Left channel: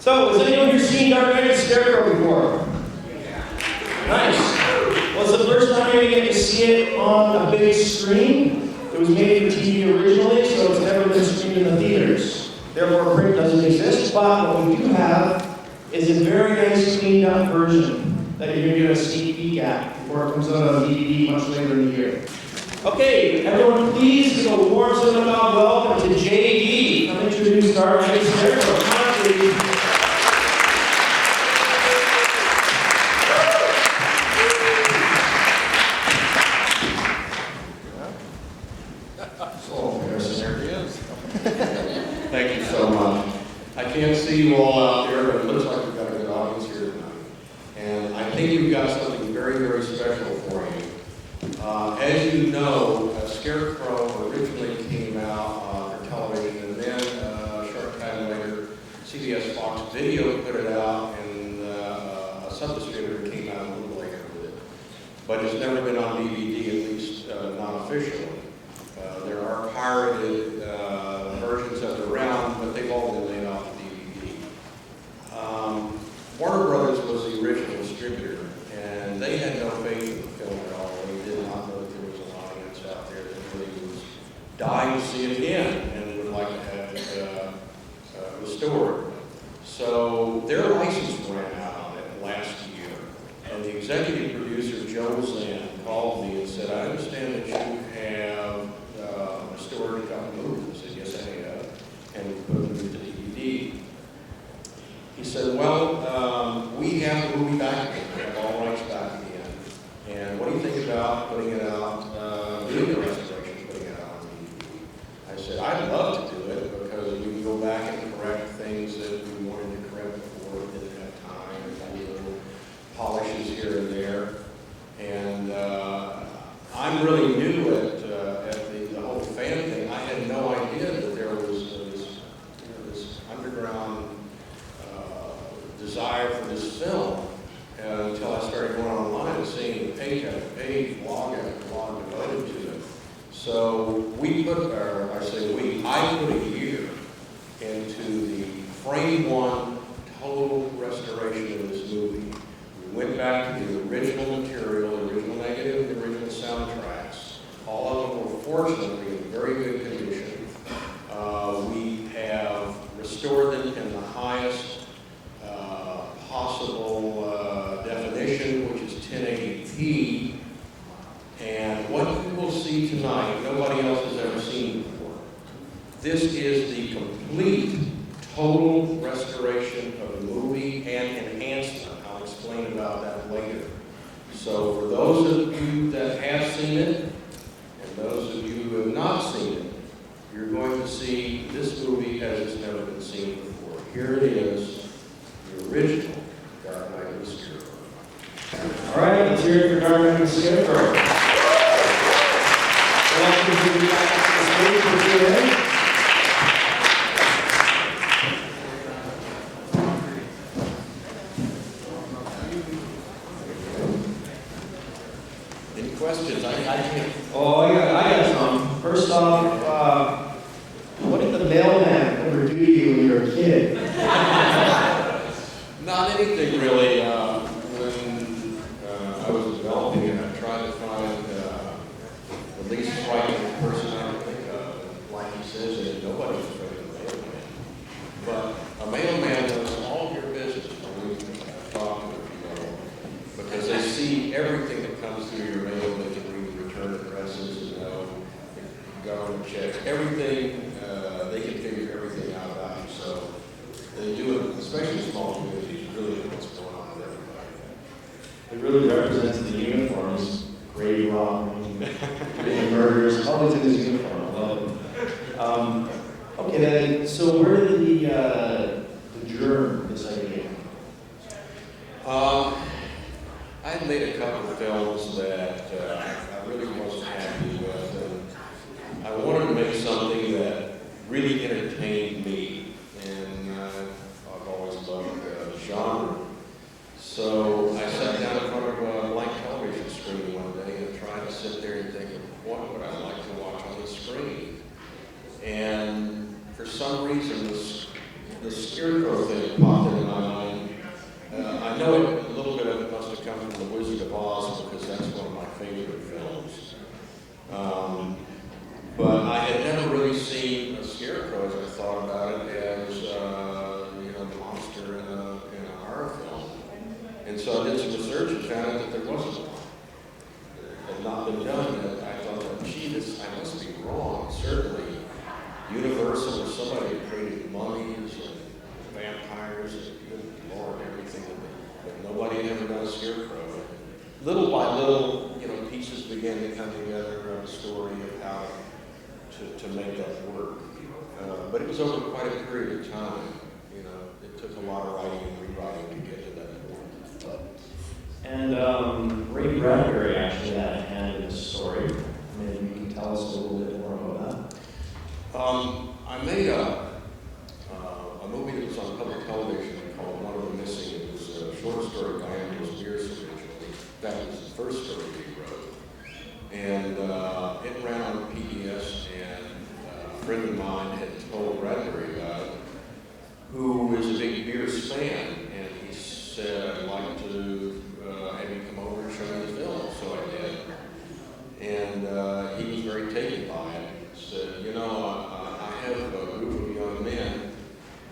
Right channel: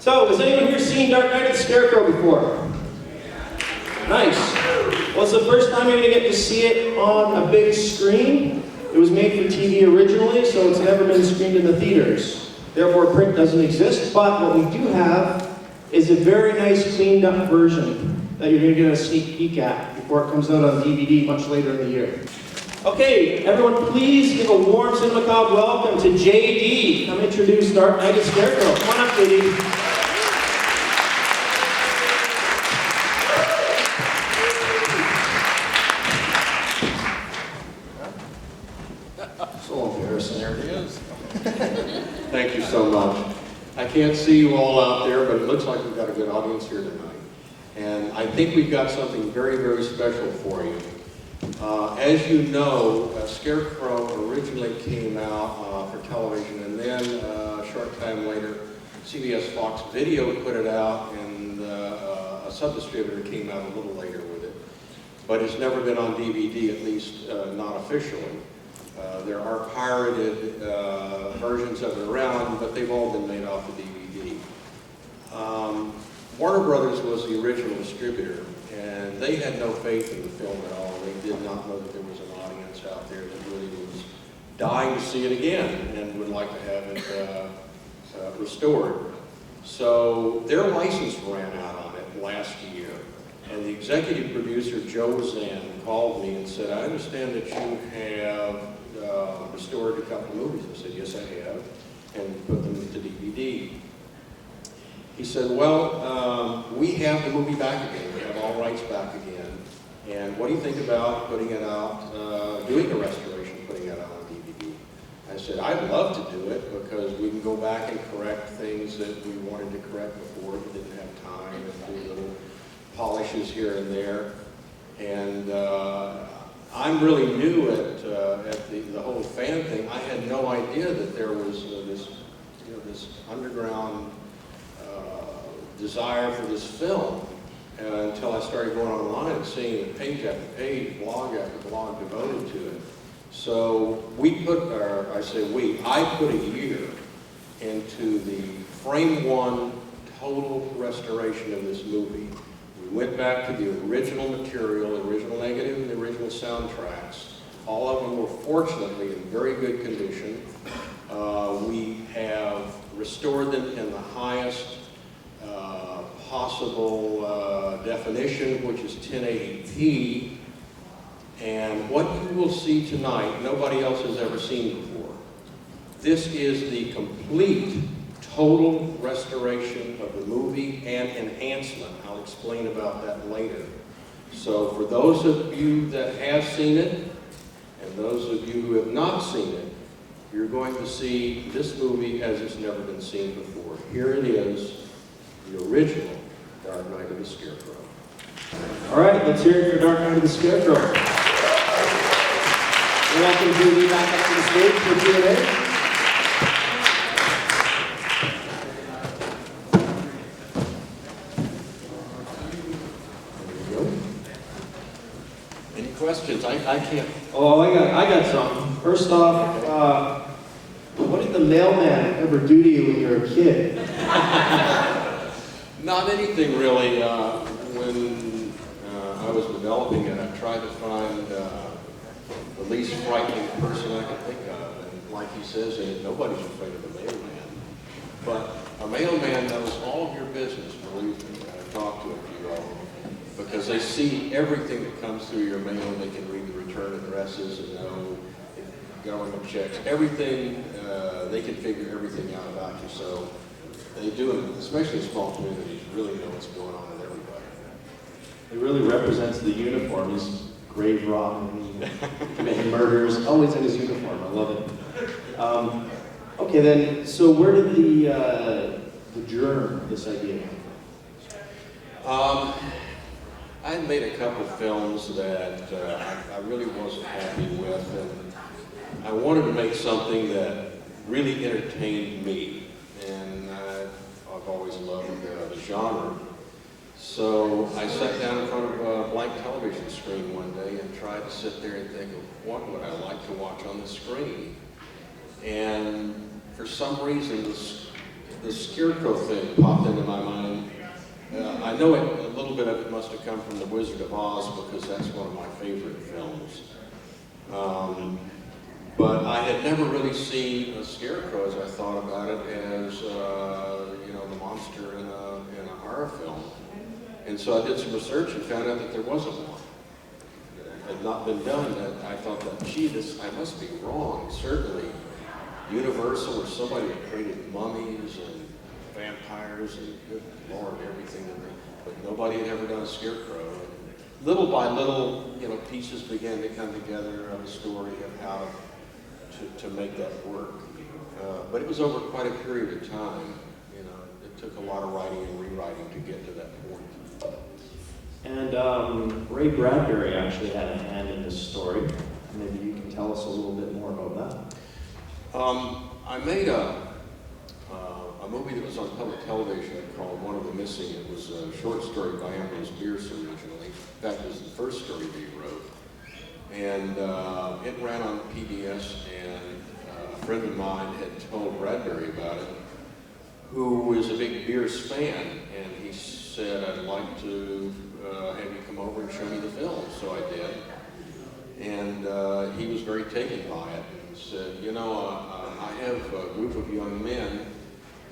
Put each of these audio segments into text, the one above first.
So, has anyone here seen Dark Knight of the Scarecrow before? Nice. Well, it's the first time you're going to get to see it on a big screen. It was made for TV originally, so it's never been screened in the theaters. Therefore, print doesn't exist, but what we do have is a very nice cleaned up version that you're going to get a sneak peek at before it comes out on DVD much later in the year. Okay, everyone please give a warm Cinemacabre welcome to JD. Come introduce Dark Knight of the Scarecrow. Come on, please. So embarrassing, there he is. Thank you so much. I can't see you all out there, but it looks like we've got a good audience here tonight. And I think we've got something very, very special for you. As you know, Scarecrow originally came out for television, and then a short time later, CBS Fox Video put it out, and a sub-distributor came out a little later with it. But it's never been on DVD, at least not officially. There are pirated versions of it around, but they've all been made off the DVD. Warner Brothers was the original distributor, and they had no faith in the film at all. They did not know that there was an audience out there that really was dying to see it again and would like to have it restored. So their license ran out on it last year, and the executive producer, Joe Zan, called me and said, I understand that you have restored a couple of movies. I said, yes, I have, and put them into DVD. He said, well, we have the movie back again. We have all rights back again. And what do you think about putting it out, doing a restoration, putting it out on DVD? I said, I'd love to do it because we can go back and correct things that we wanted to correct before. We didn't have time, and do little polishes here and there. And I'm really new at the whole fan thing. I had no idea that there was this underground desire for this film until I started going online and seeing the page after page, blog after blog devoted to it. So we put, or I say we, I put a year into the frame one total restoration of this movie. We went back to the original material, the original negative and the original soundtracks. All of them were fortunately in very good condition. We have restored them in the highest possible definition, which is 1080p. And what you will see tonight, nobody else has ever seen before. This is the complete, total restoration of the movie and enhancement. I'll explain about that later. So for those of you that have seen it, and those of you who have not seen it, you're going to see this movie as it's never been seen before. Here it is, the original Dark Knight of the Scarecrow. All right, let's hear it for Dark Knight of the Scarecrow. Welcome to back up to the stage for Q&A. Any questions? I can't. Oh, I got some. First off, what did the mailman ever do to you when you were a kid? Not anything really. When I was developing it, I tried to find the least frightening person I could think of. And like he says in it, nobody's afraid of the mailman. But a mailman knows all of your business, believe me. I've talked to a few of them. Because they see everything that comes through your mail. They can read the return addresses and know the government checks. Everything, they can figure everything out about you. So they do it, especially in small communities, you really know what's going on with everybody. It really represents the uniform, his grave wrong, committing murders, always in his uniform. I love it. Okay then, so where did the germ, this idea come from? I had made a couple of films that I really wasn't happy with, and I wanted to make something that really entertained me, and I've always loved the genre. So I sat down in front of a blank television screen one day and tried to sit there and think of what would I like to watch on the screen. And for some reason, the Scarecrow thing popped into my mind. I know a little bit of it must have come from The Wizard of Oz because that's one of my favorite films. But I had never really seen a Scarecrow as I thought about it as, the monster in a horror film. And so I did some research and found out that there wasn't one. It had not been done, and I thought that, gee, I must be wrong. Certainly, Universal or somebody had created mummies and vampires and good Lord, everything but nobody had ever done a Scarecrow. And little by little, pieces began to come together of a story of how to make that work. But it was over quite a period of time. It took a lot of writing and rewriting to get to that point. And Ray Bradbury actually had a hand in this story. Maybe you can tell us a little bit more about that. I made a movie that was on public television called One of the Missing. It was a short story by Ambrose Bierce originally. In fact, it was the first story that he wrote. And it ran on PBS, and a friend of mine had told Bradbury about it, who is a big Bierce fan, and he said, I'd like to have you come over and show me the film. So I did. And he was very taken by it. He said, I have a group of young men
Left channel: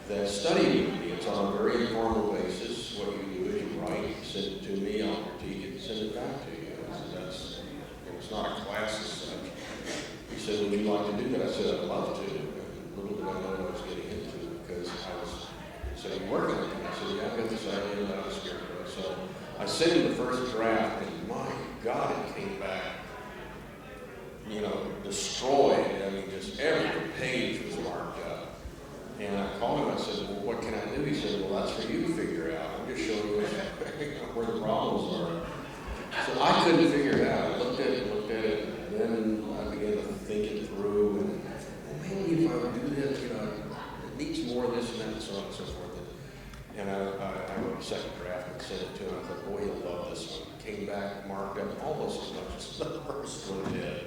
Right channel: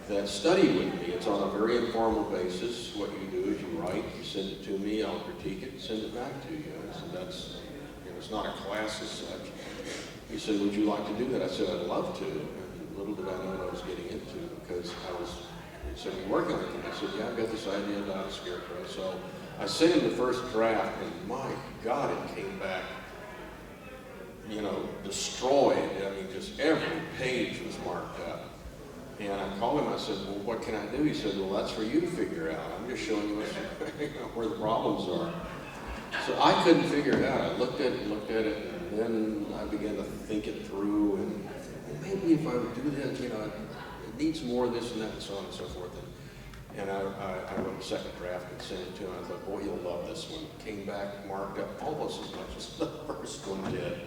that study with me. It's on a very informal basis. What you do is you write, you send it to me, I'll critique it and send it back to you. I said, it's not a class as such. He said, would you like to do that? I said, I'd love to. And little did I know what I was getting into, because he said, you working on it? And I said, yeah, I've got this idea about a Scarecrow. So I sent him the first draft, and my God, it came back, destroyed. I mean, just every page was marked up. And I called him, I said, well, what can I do? He said, well, that's for you to figure out. I'm just showing you where the problems are. So I couldn't figure it out. I looked at it, and then I began to think it through, and maybe if I would do this, it needs more of this and that and so on and so forth. And I wrote a second draft and sent it to him. I thought, boy, he'll love this one. Came back, marked up almost as much as the first one did.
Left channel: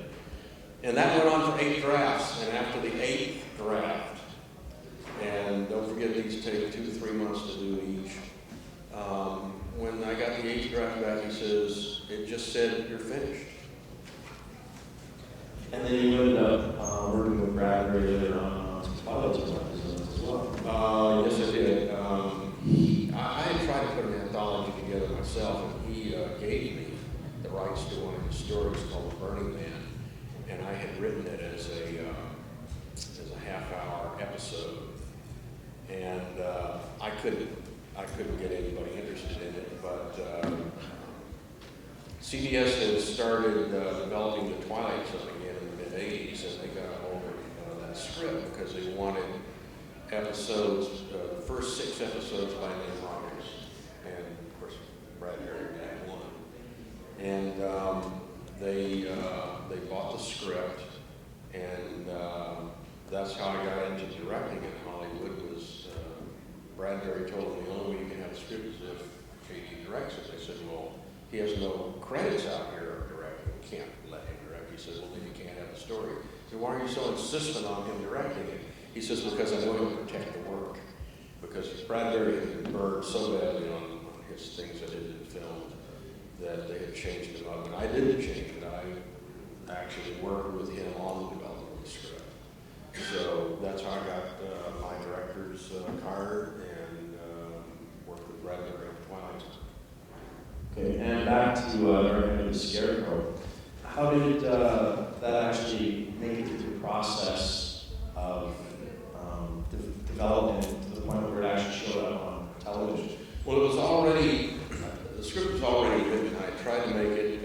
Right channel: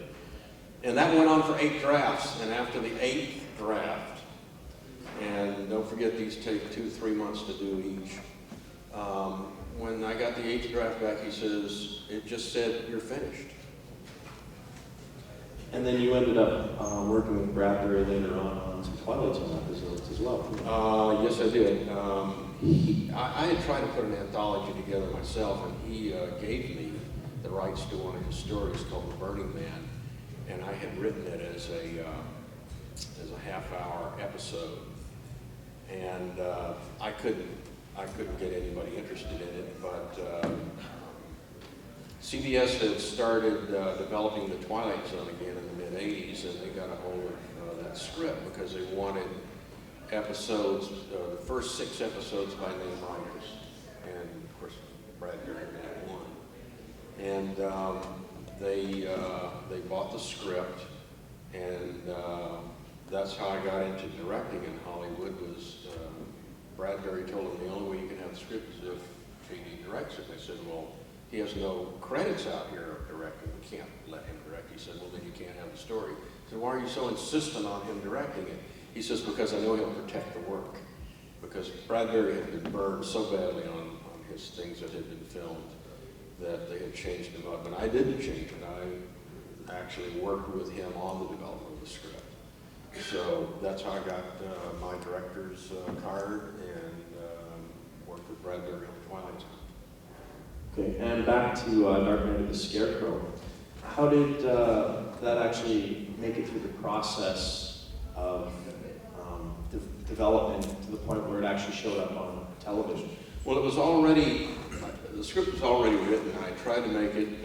And that went on for 8 drafts, and after the 8th draft, and don't forget these take 2 to 3 months to do each, when I got the 8th draft back, he says, it just said, you're finished. And then you ended up working with Bradbury later on some Twilight Zone episodes as well. Yes, I did. I had tried to put an anthology together myself, and he gave me the rights to one of his stories called The Burning Man, and I had written it as a half-hour episode, and I couldn't get anybody interested in it, but CBS had started developing the Twilight Zone again in the mid-'80s, and they got a hold of that script because they wanted episodes, the first 6 episodes by name writers, and of course Bradbury being one. And they bought the script, and that's how I got into directing in Hollywood. Was Bradbury told them the only way you can have the script is if J.D. directs it. They said, well, he has no credits out here of directing. We can't let him direct. He said, well, then you can't have the story. I said, why are you so insistent on him directing it? He says, because I know he'll protect the work. Because Bradbury had been burned so badly on his things that had been filmed that they had changed him up. And I didn't change it. I actually worked with him on the development of the script. So that's how I got my director's card and worked with Bradbury on Twilight Zone. Okay, and back to Dark Knight of the Scarecrow. How did that actually make it through the process of development to the point where it actually showed up on television? Well, it was already, the script was already written. I tried to make it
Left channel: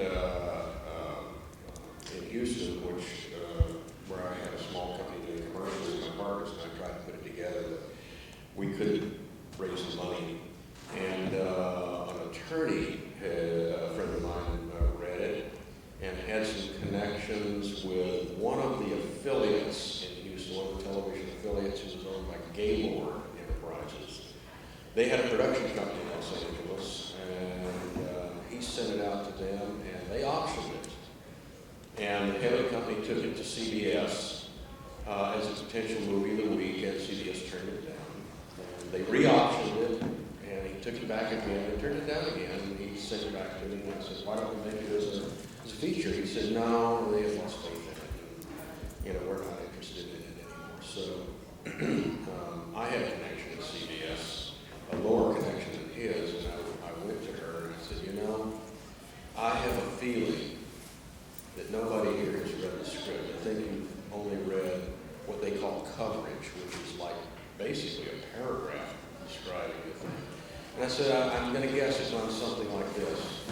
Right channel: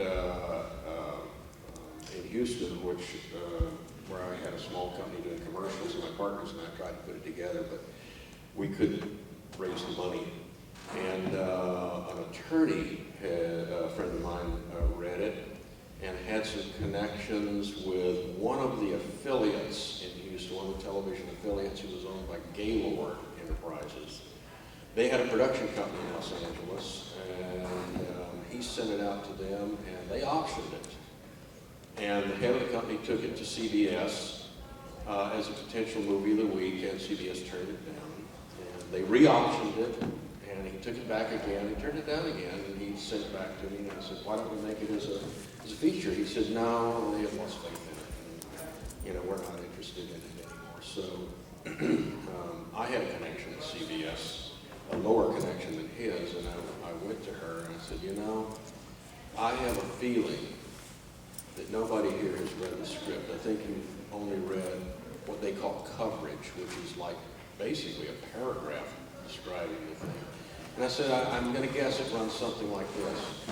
in Houston, where I had a small company doing commercials, and my partners and I tried to put it together, but we couldn't raise the money. And an attorney, a friend of mine, read it and had some connections with one of the affiliates in Houston, one of the television affiliates, who was owned by Gaylord Enterprises. They had a production company in Los Angeles, and he sent it out to them, and they auctioned it. And the head of the company took it to CBS as a potential movie of the week, and CBS turned it down. they re-auctioned it, and he took it back again, he turned it down again, and he sent it back to me, and I said, why don't we make it as a feature? He said, no, they have lost faith in it, and we're not interested in it anymore. So I had a connection at CBS, a lower connection than his, and I went to her and I said, I have a feeling that nobody here has read the script. I think you've only read what they call coverage, which is like basically a paragraph describing the thing. And I said, I'm going to guess it runs something like this.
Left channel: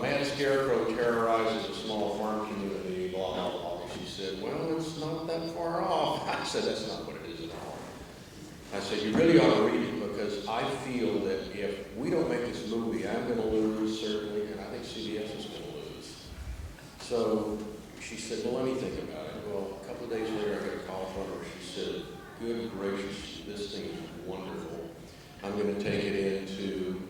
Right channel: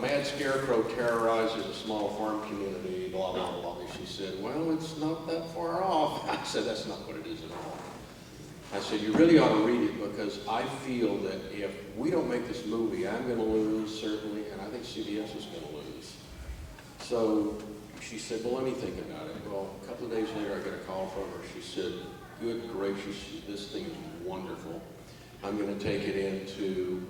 Mad Scarecrow terrorizes a small farm community, blah, blah, blah. She said, well, it's not that far off. I said, that's not what it is at all. I said, you really ought to read it, because I feel that if we don't make this movie, I'm going to lose, certainly, and I think CBS is going to lose. So she said, well, let me think about it. Well, a couple of days later, I got a call from her. She said, good gracious, this thing is wonderful. I'm going to take it into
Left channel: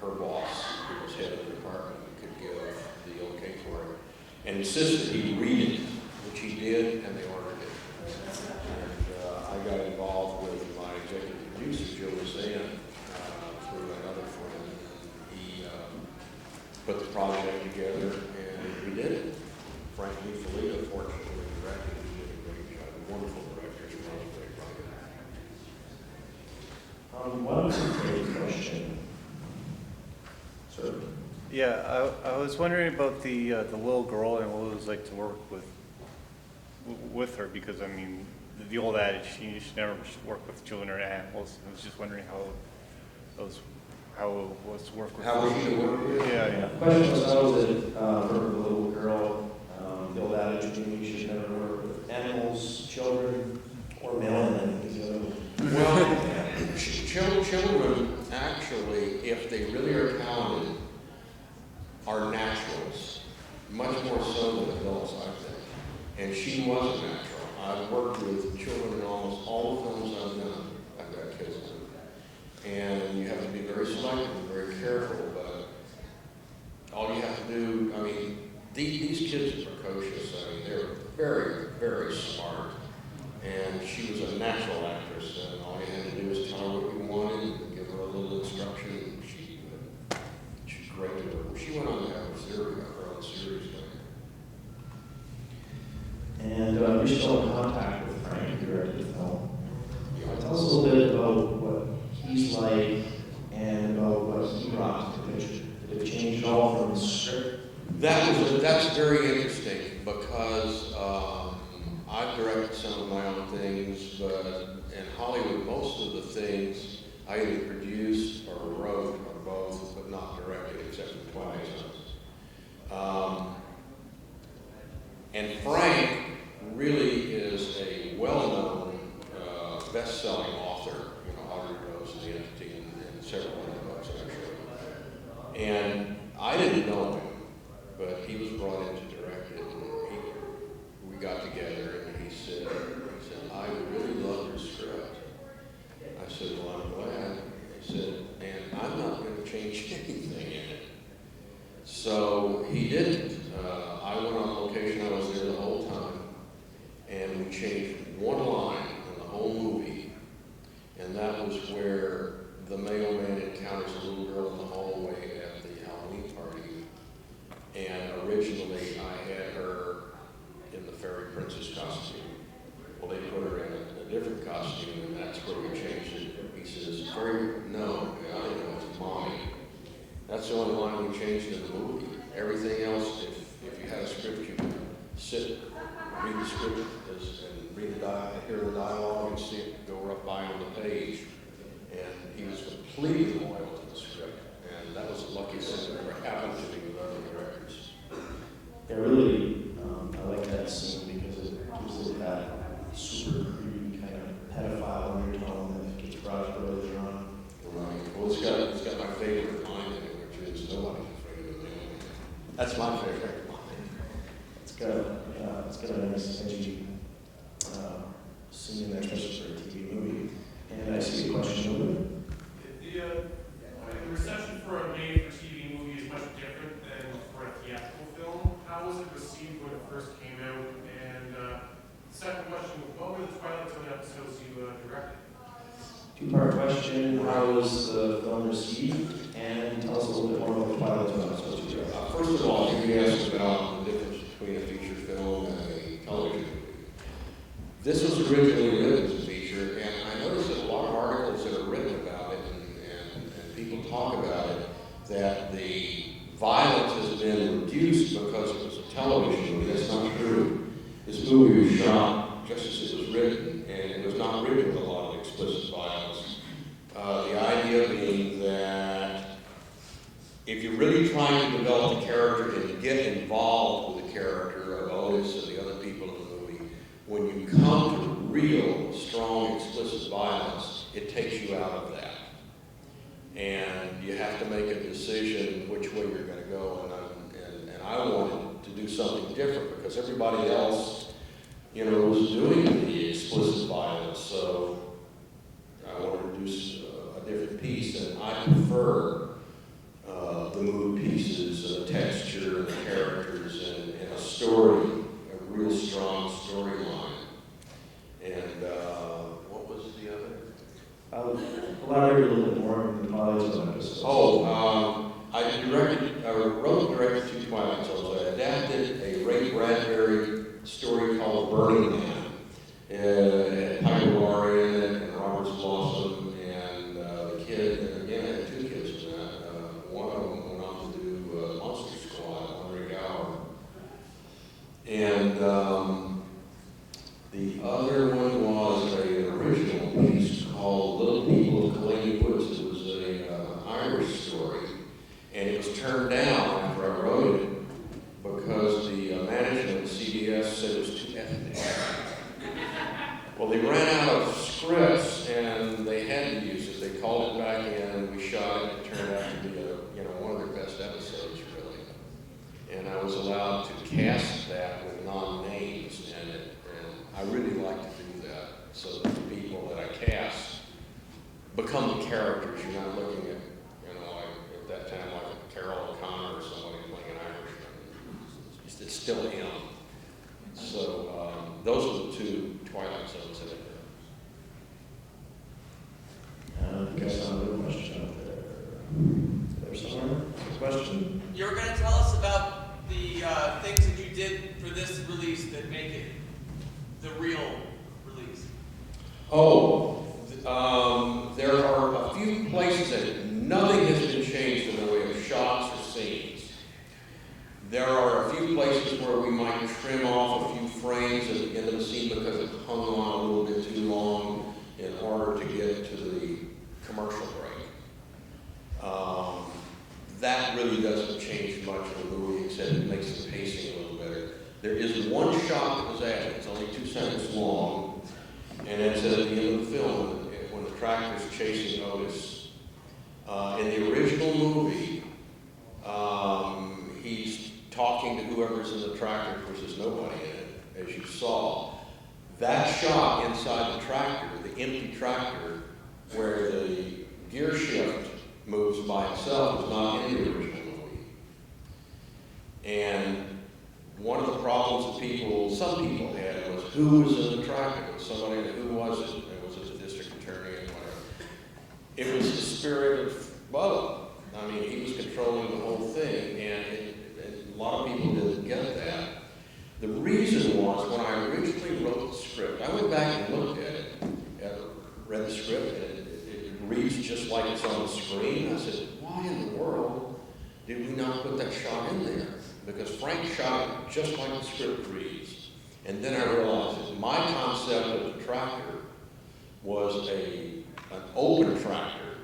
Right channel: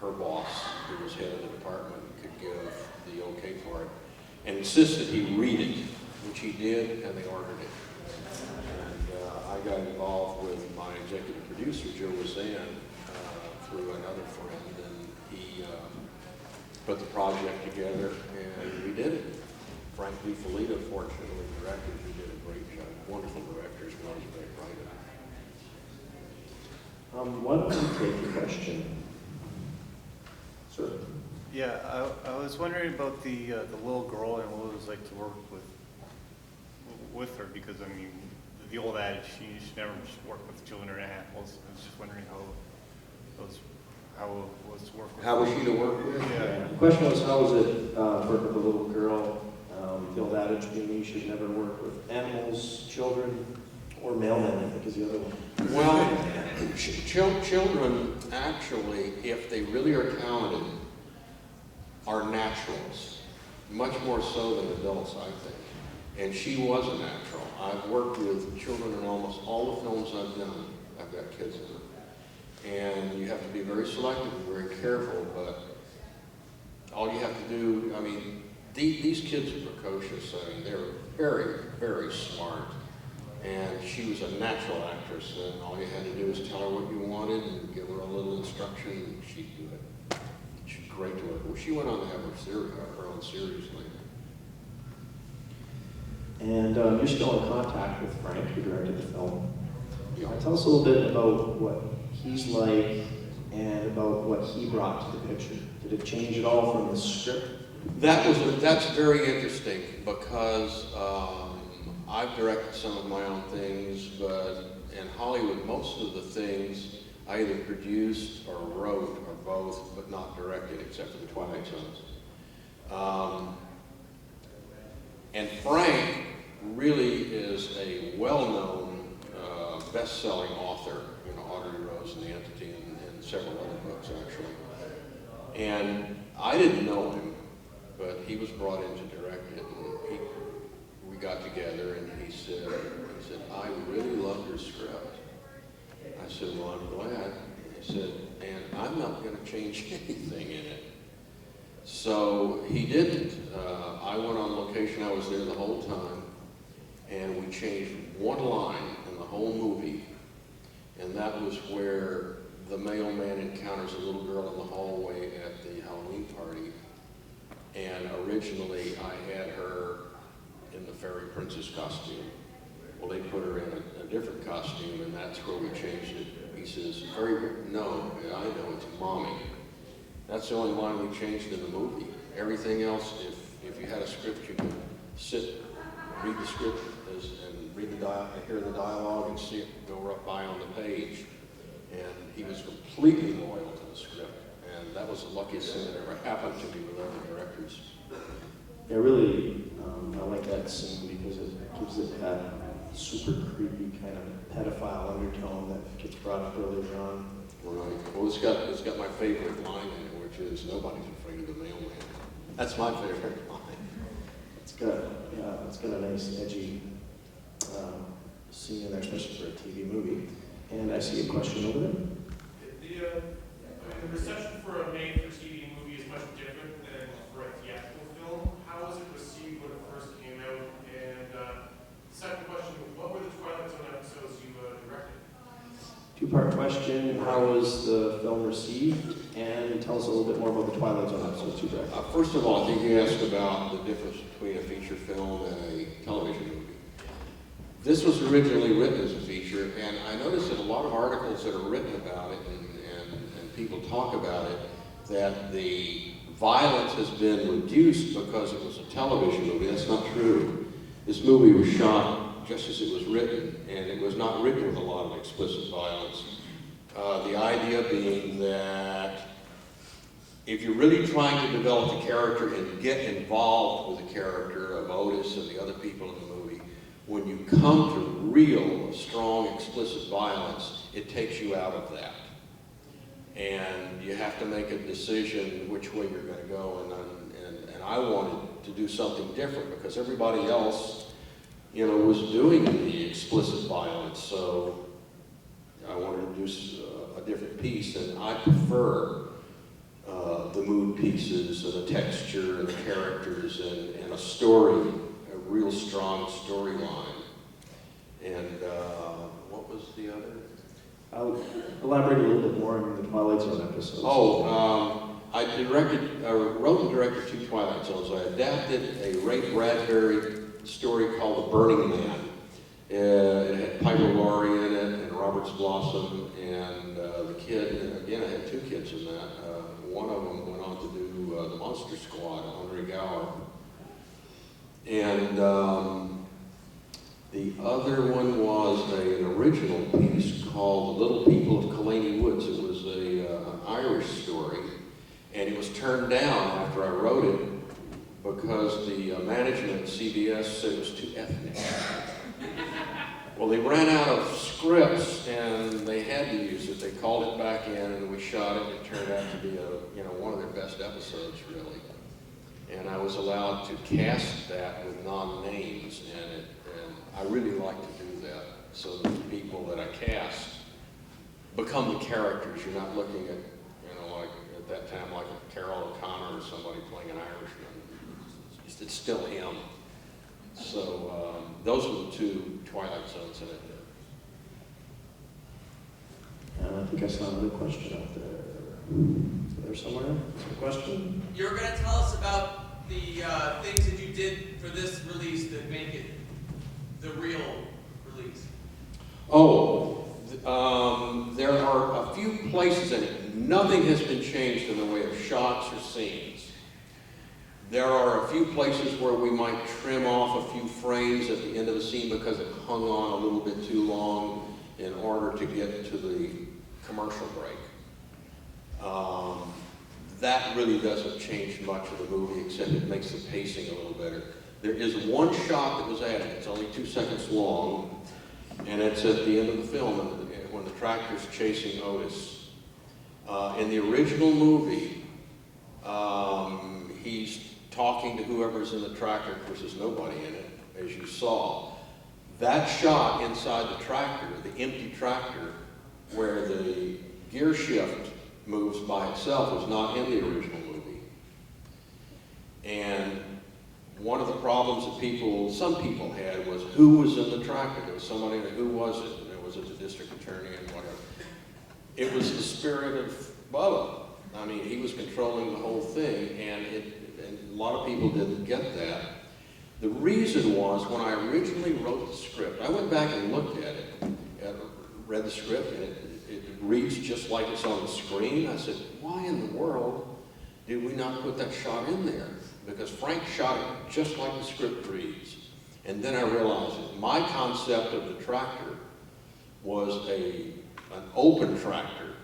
her boss, who was head of the department, and could give the okay for it, and insisted he read it, which he did, and they ordered it. And I got involved with my executive producer, Joe Lizanne, through another friend, and he put the project together, and we did it. Frank DiFilippo, fortunately, directed, who did a great job. Wonderful director as well as a great writer. Why don't you take a question? Sir? Yeah, I was wondering about the little girl and what it was like to work with her, because I mean, the old adage, you should never work with children or animals. I was just wondering how it was work with. How was she to work with? Yeah. The question was, how was it for the little girl? The old adage being you should never work with animals, children, or mailmen, I think is the other one. Well, children actually, if they really are talented, are naturals, much more so than adults, I think. And she was a natural. I've worked with children in almost all the films I've done. I've got kids in it. And you have to be very selective and very careful, but all you have to do, I mean, these kids are precocious. I mean, they're very, very smart. And she was a natural actress, and all you had to do was tell her what you wanted and give her a little instruction, and she'd do it. She's great to work with. She went on to have her own series later. And you're still in contact with Frank, who directed the film. Yeah. Tell us a little bit about what he's like and about what he brought to the picture. Did it change at all from the script? That's very interesting, because I've directed some of my own things, but in Hollywood, most of the things I either produced or wrote or both, but not directed, except for the Twilight Zones. And Frank really is a well-known, best-selling author, Audrey Rose and the Entity, and several other books, actually. And I didn't know him, but he was brought in to direct it, and we got together, and he said, I really love your script. I said, well, I'm glad. He said, and I'm not going to change anything in it. So he didn't. I went on location. I was there the whole time, and we changed one line in the whole movie, and that was where the mailman encounters a little girl in the hallway at the Halloween party. And originally, I had her in the fairy princess costume. Well, they put her in a different costume, and that's where we changed it. He says, no, I know, it's mommy. That's the only line we changed in the movie. Everything else, if you had a script, you could sit, read the script, and hear the dialogue, and see it go right by on the page. And he was completely loyal to the script, and that was the luckiest thing that ever happened to me with other directors. Yeah, really, I like that scene because it gives it that super creepy kind of pedophile undertone that gets brought up earlier on. Right. Well, it's got my favorite line in it, which is nobody's afraid of the mailman. That's my favorite line. It's got a nice edgy scene in there, especially for a TV movie. And I see a question over there. The reception for a made-for-TV movie is much different than for a theatrical film. How was it received when it first came out? And second question, what were the Twilight Zone episodes you directed? Do Two-part question, how was the film received? And tell us a little bit more about the Twilight Zone episodes you read. First of all, I think you asked about the difference between a feature film and a television movie. This was originally written as a feature, and I noticed that a lot of articles that are written about it and people talk about it, that the violence has been reduced because it was a television movie. That's not true. This movie was shot just as it was written, and it was not written with a lot of explicit violence. The idea being that if you're really trying to develop the character and get involved with the character of Otis and the other people in the movie, when you come to real, strong, explicit violence, it takes you out of that. And you have to make a decision which way you're going to go. And I wanted to do something different because everybody else, you know, was doing the explicit violence. So I wanted to do a different piece, and I prefer the mood pieces and the texture and the characters and a story, a real strong storyline. And what was the other? I'll elaborate a little bit more on the Twilight Zone episodes. I wrote and directed 2 Twilight Zones. I adapted a Ray Bradbury story called The Burning Man. It had Pygmalion in it, and Robert's Blossom, and the kid, and again, I had 2 kids in that. One of them went on to do the Monster Squad, Andre Gower. And the other one was an original piece called Little People of Killarney Woods. It was an Irish story, and it was turned down after I wrote it because the management at CBS said it was too ethnic. Well, they ran out of scripts, and they had to use it. They called it back in, and we shot it. It turned out to be one of their best episodes, really. And I was allowed to cast that with non-names, and I really like to do that. So that the people that I cast become the characters. You're not looking at, like at that time, like a Carol O'Connor or somebody playing an Irishman. It's still him. So those are the 2 Twilight Zones that I did. And I think I saw a good question out there. Is there somewhere? Is there a question? You were going to tell us about the things that you did for this release that make it the real release. There are a few places that nothing has been changed in the way of shots or scenes. There are a few places where we might trim off a few frames at the end of the scene because it hung on a little bit too long in order to get to the commercial break. That really doesn't change much of the movie, except it makes the pacing a little better. There is one shot that was added. It's only 2 seconds long, and it's at the end of the film when the tractor's chasing Otis. In the original movie, he's talking to whoever's in the tractor. Of course, there's nobody in it, as you saw. That shot inside the tractor, the empty tractor, where the gear shift moves by itself, was not in the original movie. And one of the problems that some people had was who was in the tractor. There was somebody in it. Who was it? And was it the district attorney and whatever? It was the spirit of Bubba. I mean, he was controlling the whole thing, and a lot of people didn't get that. The reason was, when I originally wrote the script, I went back and looked at it, read the script, and it reads just like it's on the screen. I said, why in the world did we not put that shot in there? Because Frank shot it just like the script reads. And then I realized that my concept of the tractor was an open tractor,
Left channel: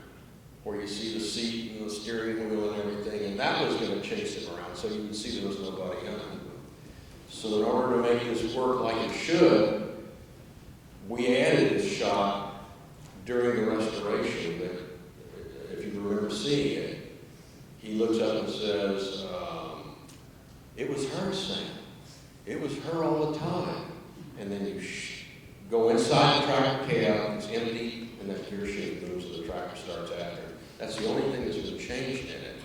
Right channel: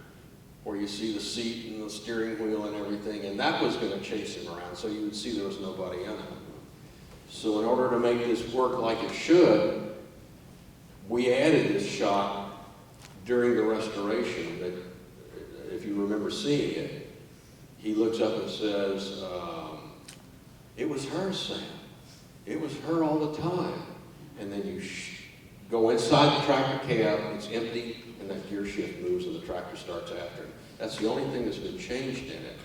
where you see the seat and the steering wheel and everything, and that was going to chase him around, so you would see there was nobody in it. So in order to make this work like it should, we added this shot during the restoration that, if you remember seeing it, he looks up and says, it was her, Sam. It was her all the time. And then you go inside the tractor cab, it's empty, and that gear shift moves and the tractor starts after it. That's the only thing that's been changed in it.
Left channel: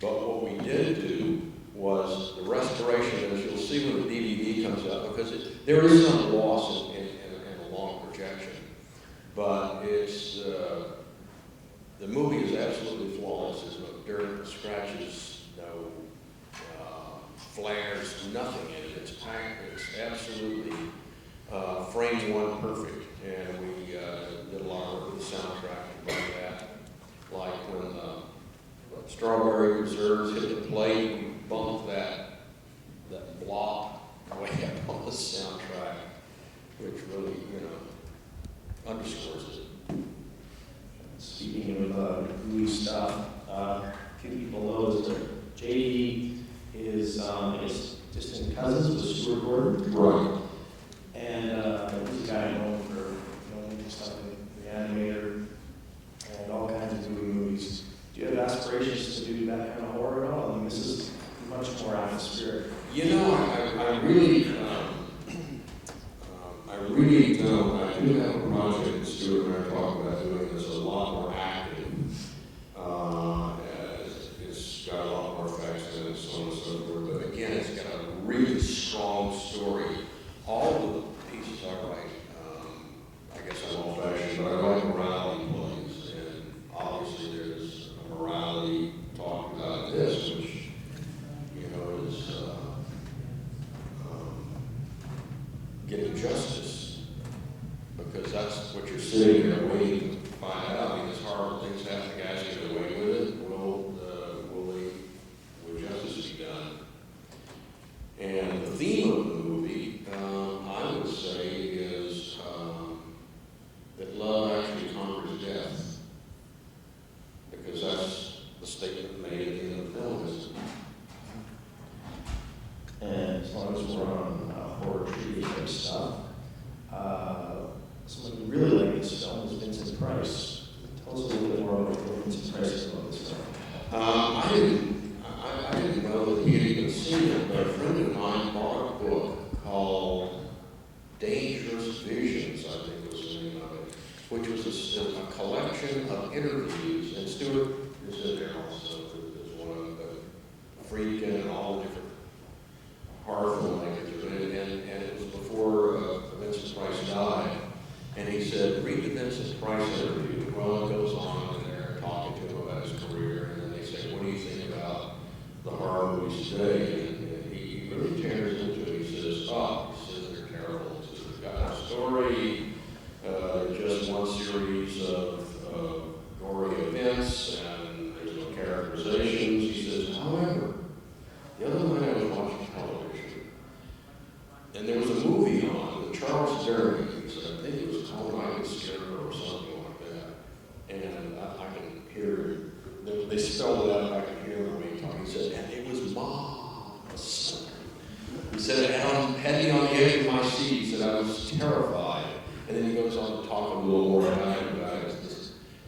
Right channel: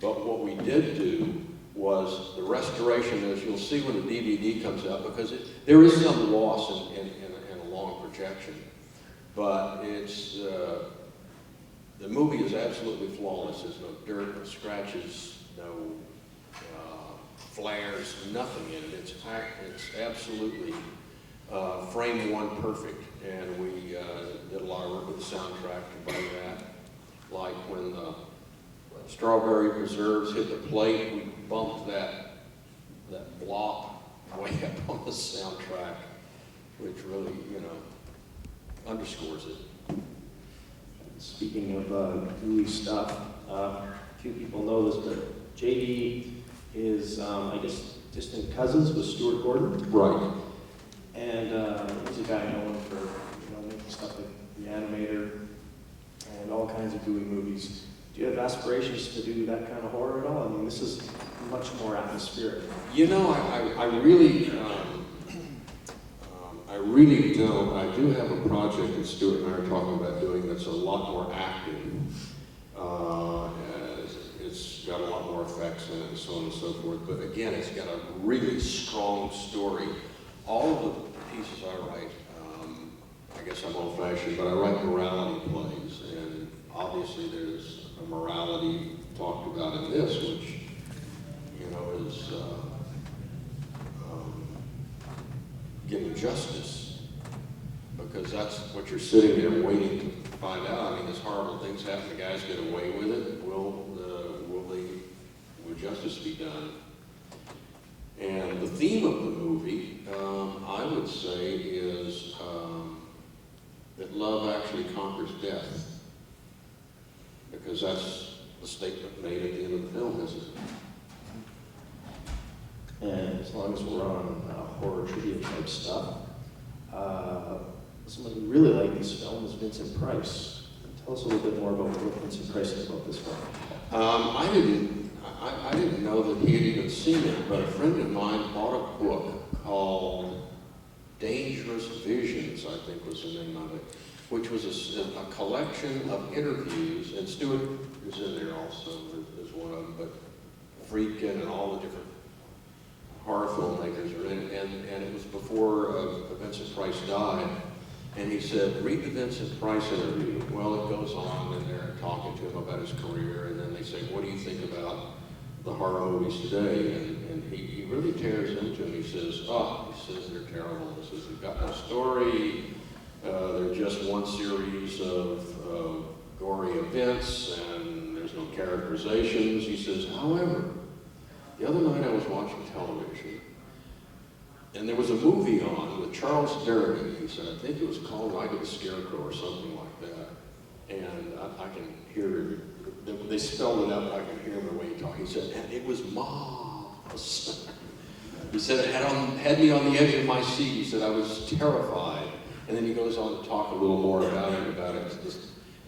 But what we did do was the restoration, as you'll see when the DVD comes out, because there is some loss in a long projection. but it's, the movie is absolutely flawless. There's no dirt, no scratches, no flares, nothing in it. It's absolutely frame one perfect, and we did a lot of work with the soundtrack to bring that. Like when the strawberry preserves hit the plate, we bumped that block way up on the soundtrack, which really, underscores it. Speaking of gooey stuff, a few people know this, but JD is, I guess, distant cousins with Stuart Gordon. Right. And he's a guy known for making stuff like Reanimator and all kinds of gooey movies. Do you have aspirations to do that kind of horror at all? I mean, this is much more atmospheric. I really don't. I do have a project that Stuart and I are talking about doing that's a lot more active. It's got a lot more effects in it and so on and so forth. But again, it's got a really strong story. All of the pieces I write, I guess I'm old-fashioned, but I write morality plays. And obviously there's a morality talked about in this, which, is getting justice, because that's what you're sitting there waiting to find out. I mean, there's horrible things happen. The guys get away with it. Will justice be done? And the theme of the movie, I would say, is that love actually conquers death, because that's the statement made at the end of the film, isn't it? And as long as we're on horror trivia type stuff, someone who really liked this film was Vincent Price. Tell us a little bit more about what Vincent Price is about this film. I didn't know that he had even seen it, but a friend of mine bought a book called Dangerous Visions, I think was the name of it, which was a collection of interviews, and Stuart is in there also as one of them, but Friedkin and all the different horror filmmakers are in it, and it was before Vincent Price died, and he said, read the Vincent Price interview. Well, it goes on, and they're talking to him about his career, and then they say, what do you think about the horror movies today? And he really tears into it. He says, they're terrible. He says, they've got no story, they're just one series of gory events, and there's no characterizations. He says, however, the other night I was watching television, and there was a movie on with Charles Durning. He said, I think it was called Scarecrow or something like that. And I can hear, they spelled it out, but I can hear the way he talked. He said, and it was marvelous. He said, it had me on the edge of my seat. He said, I was terrified. And then he goes on to talk a little more about it.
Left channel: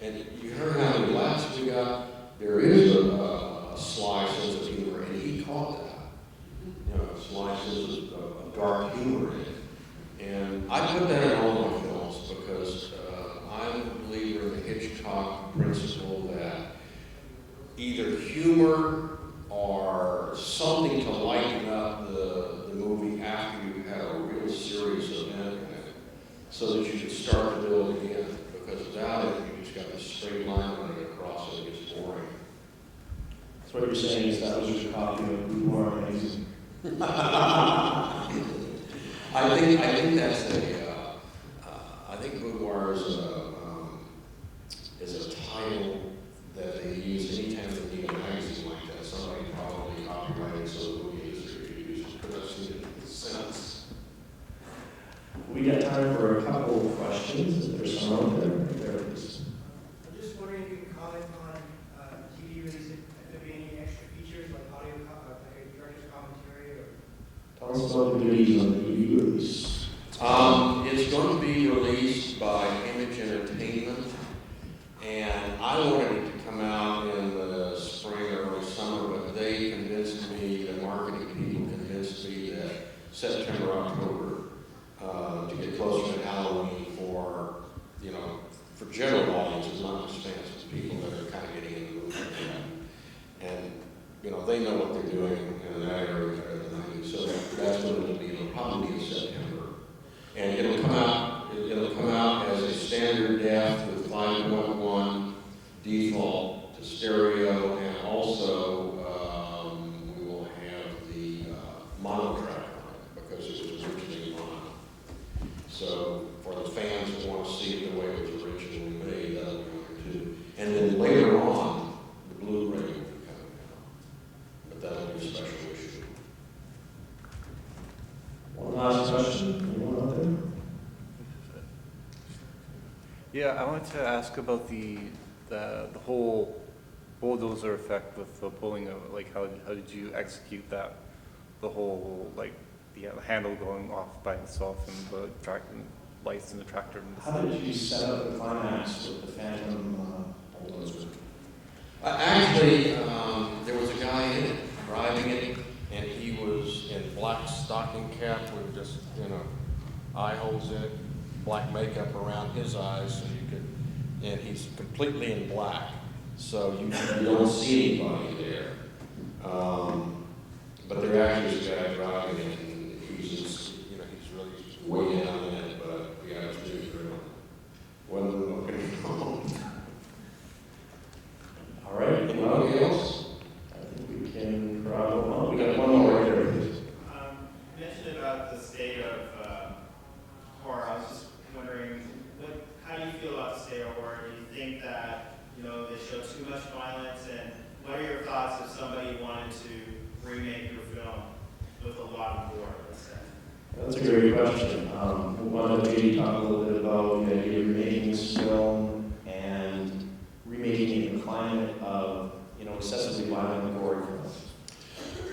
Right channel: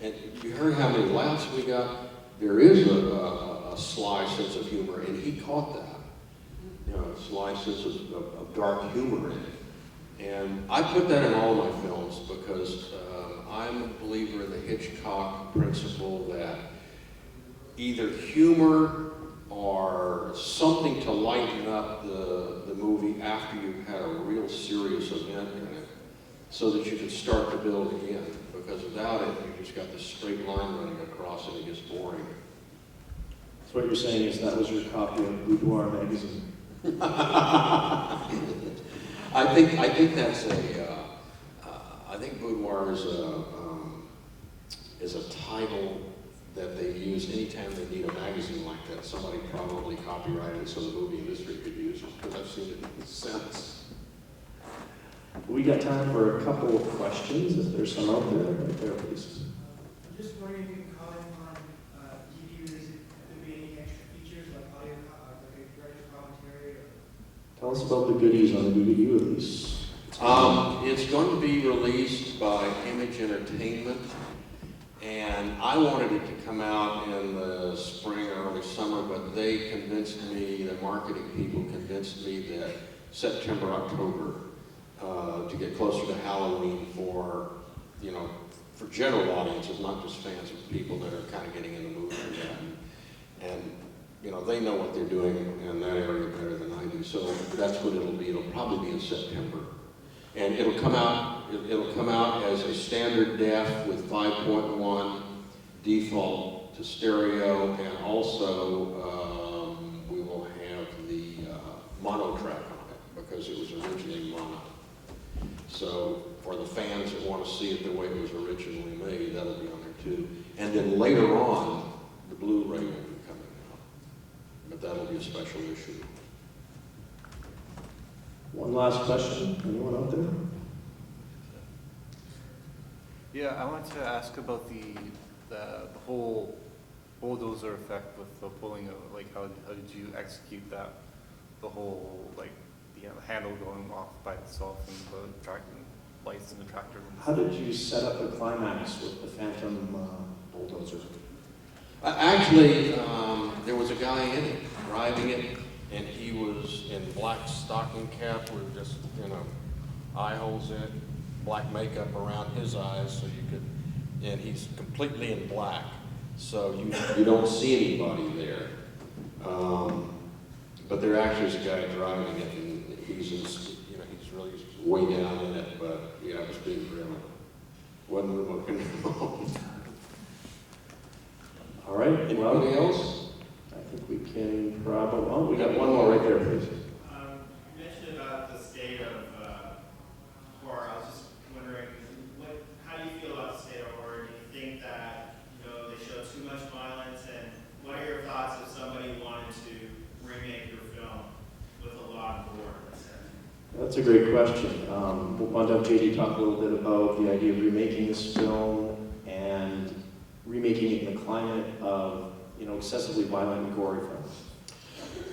And you heard how many laughs we got. There is a sly sense of humor, and he caught that. A sly sense of dark humor in it. And I put that in all my films because I'm a believer in the Hitchcock principle that either humor or something to lighten up the movie after you've had a real serious event in it, so that you can start to build again. Because without it, you just got this straight line running across and it gets boring. So what you're saying is that was your copy of Boudoir magazine? I think that's I think Boudoir is a title that they use anytime they need a magazine like that. Somebody probably copyrighted so the movie industry could use it, because I've seen it in the sense. We got time for a couple of questions. If there's some out there, right there, please. I'm just wondering if you can comment on TV release, if there be any extra features like audio, like a director's commentary, or Tell us about the goodies on the DVD release. It's going to be released by Image Entertainment, and I wanted it to come out in the spring or early summer, but they convinced me, the marketing people convinced me that September, October, to get closer to Halloween for general audiences, not just fans, but people that are kind of getting in the mood for that. And, they know what they're doing in that area better than I do. So that's what it'll be. It'll probably be in September. And it'll come out It'll come out as a standard def with 5.1 default to stereo, and also we will have the mono track on it because it was originally mono. So for the fans that want to see it the way it was originally made, that'll be on there too. And then later on, the Blu-ray will be coming out, but that'll be a special issue. One last question, anyone out there? Yeah, I wanted to ask about the whole bulldozer effect of the pulling of, like, how did you execute that? The whole, like, the handle going off by itself and the tractor lights in the tractor. How did you set up the climax with the Phantom bulldozer? Actually, there was a guy in it, driving it, and he was in black stocking cap with just, eye holes in it, black makeup around his eyes, so you could, and he's completely in black, so you don't see anybody there. But there actually is a guy driving it, and he's just, he's really way down in it, but yeah, it was being driven. Wasn't remote control. All right. Anybody else? I think we can probably, oh, we got one more right there, please. You mentioned about the state of horror. I was just wondering, how do you feel about the state of horror? Do you think that, they show too much violence? And what are your thoughts if somebody wanted to remake your film with a lot of gore, let's say? That's a great question. We'll let JD talk a little bit about the idea of remaking this film and remaking it in the climate of, excessively violent and gory films.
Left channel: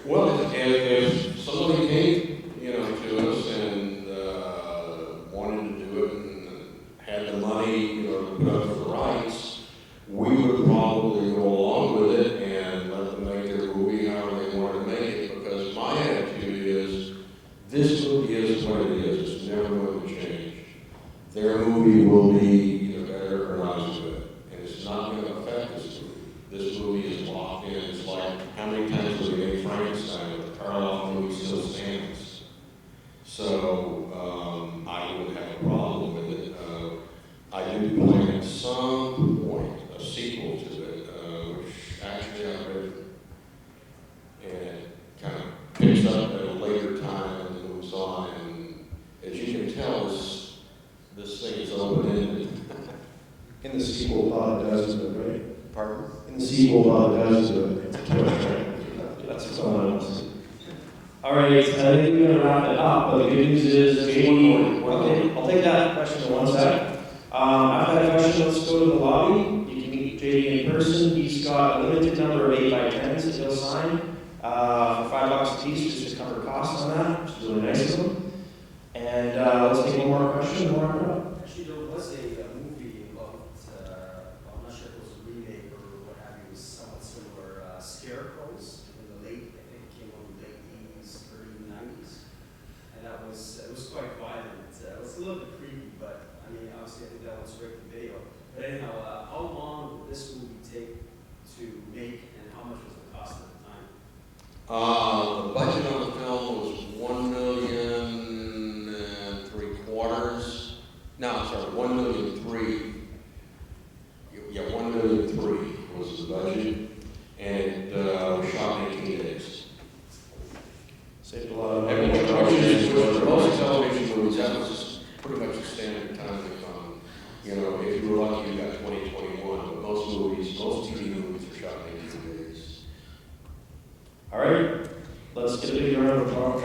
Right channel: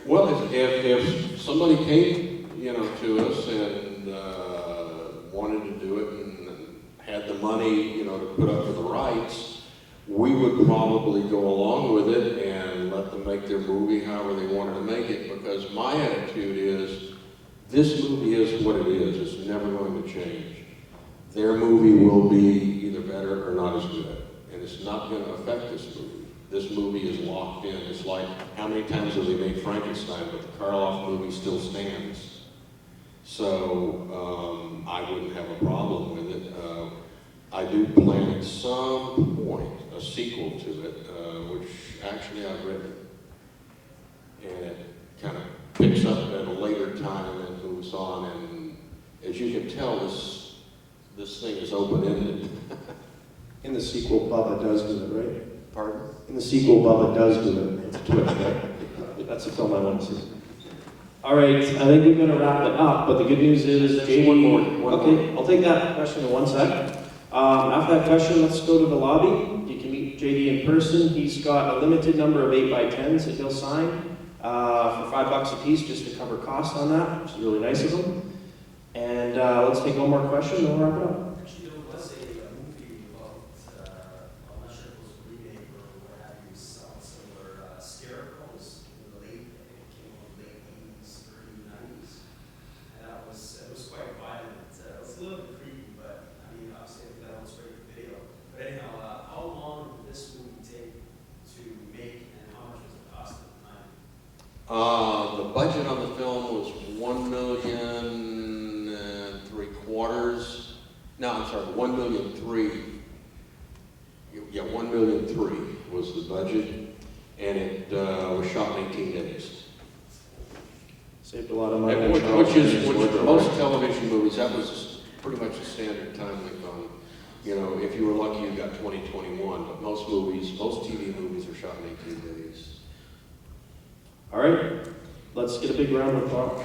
Well, if somebody came, to us and wanted to do it and had the money, to put up for the rights, we would probably go along with it and let them make their movie however they wanted to make it, because my attitude is, this movie is what it is. It's never going to change. Their movie will be either better or not as good, and it's not going to affect this movie. This movie is locked in. It's like, how many times have we made Frankenstein, but the Karloff movie still stands? So I wouldn't have a problem with it. I do plan at some point a sequel to it, which actually I've written, and it kind of picks up at a later time and moves on. And as you can tell, this thing is open-ended. In the sequel, Bubba does with it, right? Pardon? In the sequel, Bubba does with it. It's a twist, right? That's its own analysis. All right, I think we're going to wrap it up, but the good news is There's one more. Okay, I'll take that question in one sec. After that question, let's go to the lobby. You can meet JD in person. He's got a limited number of 8x10s that he'll sign for $5 a piece just to cover costs on that, which is really nice of him. And let's take one more question and we'll wrap it up. Actually, there was a movie about, I'm not sure if it was a remake or what have you, somewhat similar, Scarecrows in the late, I think it came out in the late 80s, early 90s. And it was quite violent. It was a little bit creepy, but I mean, obviously I think that was straight to video. But anyhow, how long did this movie take to make, and how much was the cost at the time? The budget on the film was $1.75 million. No, I'm sorry, $1.3 million. Yeah, $1.3 million was the budget, and it was shot in 18 days. Saved a lot of money. Which for most television movies, that was pretty much the standard time limit on. If you were lucky, you got 2021, but most TV movies are shot in 18 days. All right, let's get a big round of applause.